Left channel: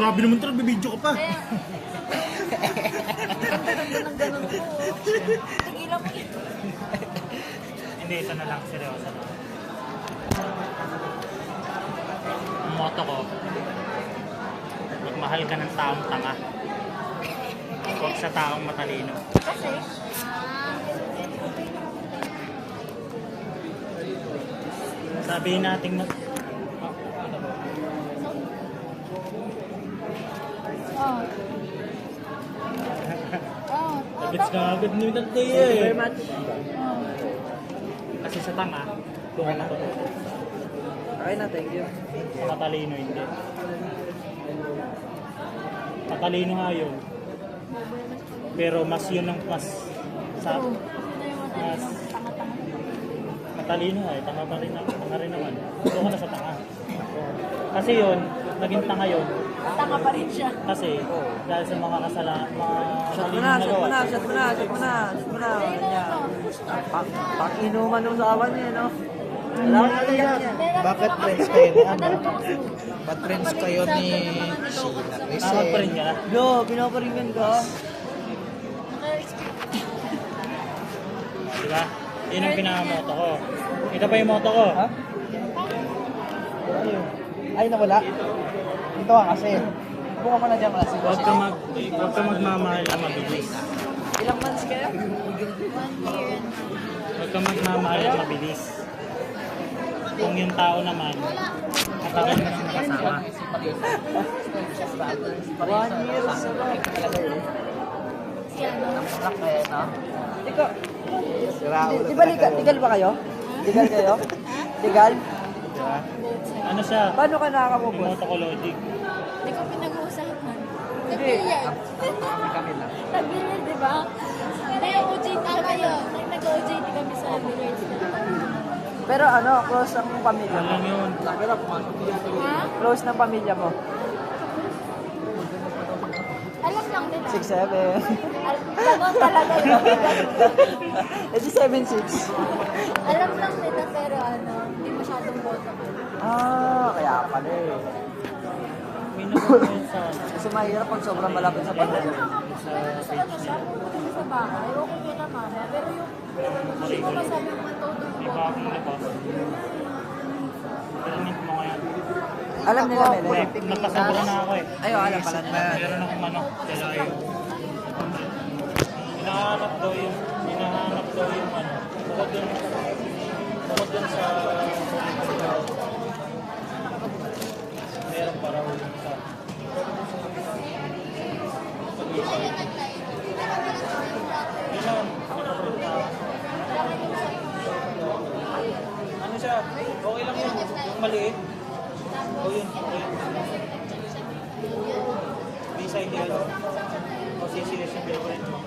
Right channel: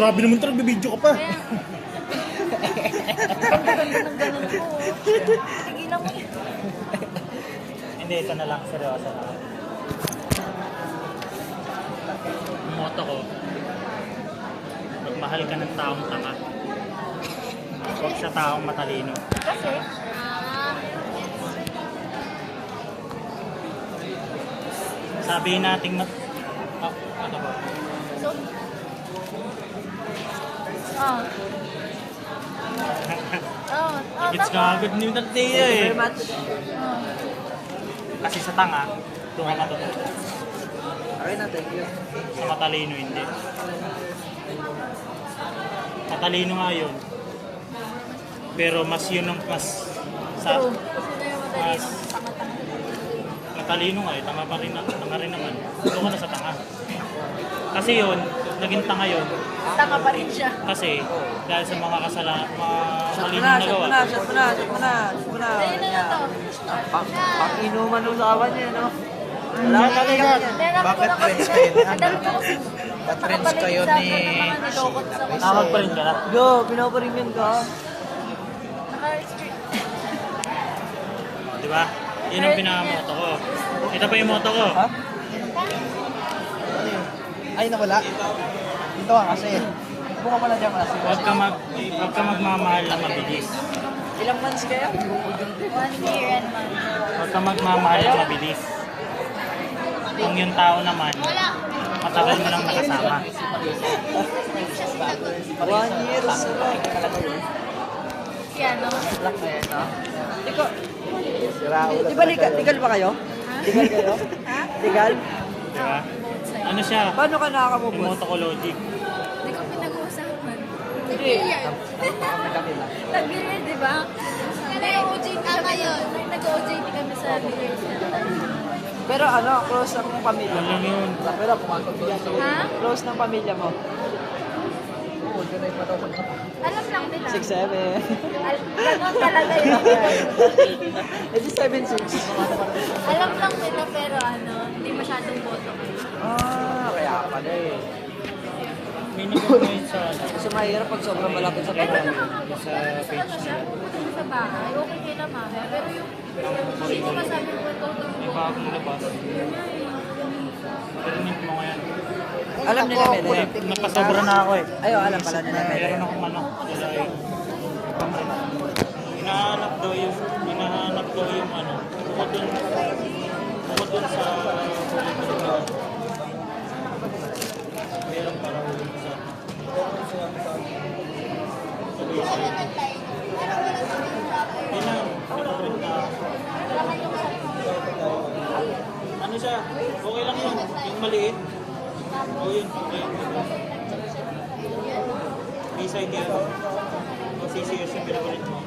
Grabe naman talaga, bibidyo ka pa. Hindi, ito na lang, seryoso na. Ang motto ko, magmahal ka ng taong tanga. Huwag sa taong matalino. Kasi? Sabihin nating ano ba? It's nga good news that day eh. Kasi sa tanga, doon ka matututo. Okay na, thank you. Sa matalino hindi. Matalino nga yun. Pero mas yun ang mas matalino nga eh. Tanga rin naman. Doon ka na sa tanga. Kasi yun, naging tanga yun. Tanga pa rin siya. Kasi dahil sa mga Shot mo maling na, nagawa. shot mo na. Pang-inuman ng kawan niya, no? Wala ka kagad. Bakit friends kayo ni ano? Bakit friends kayo ni Sheila? Tawag pa rin ka na. Yo, pinaparinggan ka. Diba? Yun ang pinakamoto ko. Ito pa yung moto ko. Ha? Ay, nawala. Ito nga kasi. Buka mo na dyan muna. Huwag ka magmamahal na mabilis. Ilang months kayo? 1 year and month. Huwag ka magmamahal na mabilis. Kung yung tao naman, matagal mo lang nakasama. 1 year sila. Yan, no? Ikaw, di ba legal ba kayo? Legal kayo? Legal? Diba? Ano siya? Paano ka Yung nakakapupos? moto ko logic. Hindi ko pinag-uusapan. Nag-billiard. Nag-billiard, di ba? Nag-OJT tama yun. Nag-OJT kami sa billiard. Pero ano, close ng pamilya Yun mo? lang yun. Ha? Close ng pamilya mo? Alam lang nila. 6'7". Ganon talaga yun. Eh di 7'6". Alam lang nila pero ano, hindi masyadong boto. Kaya pala eh. May nag-comment sa ano. Kasi mahirap pag sobrang malapit sa Pero pamilya. sa ano siya, pumunta kami sa bahay, okay kay naman. Pero yung sino masabi mo ito, hindi mo May bagong labas. Parinig mo nga yan. Alam nila, Melo. Nagpasobra na ako eh. Ay, alam pala nila, Melo. Meron akong ano. Hinahanap daw yung ano. Bukod dun sa meron para ulit sa yun lang. Ano siya? Okay lang yun. Yung maliit. O yun. Recycle. O CCS yung pinakulit mo.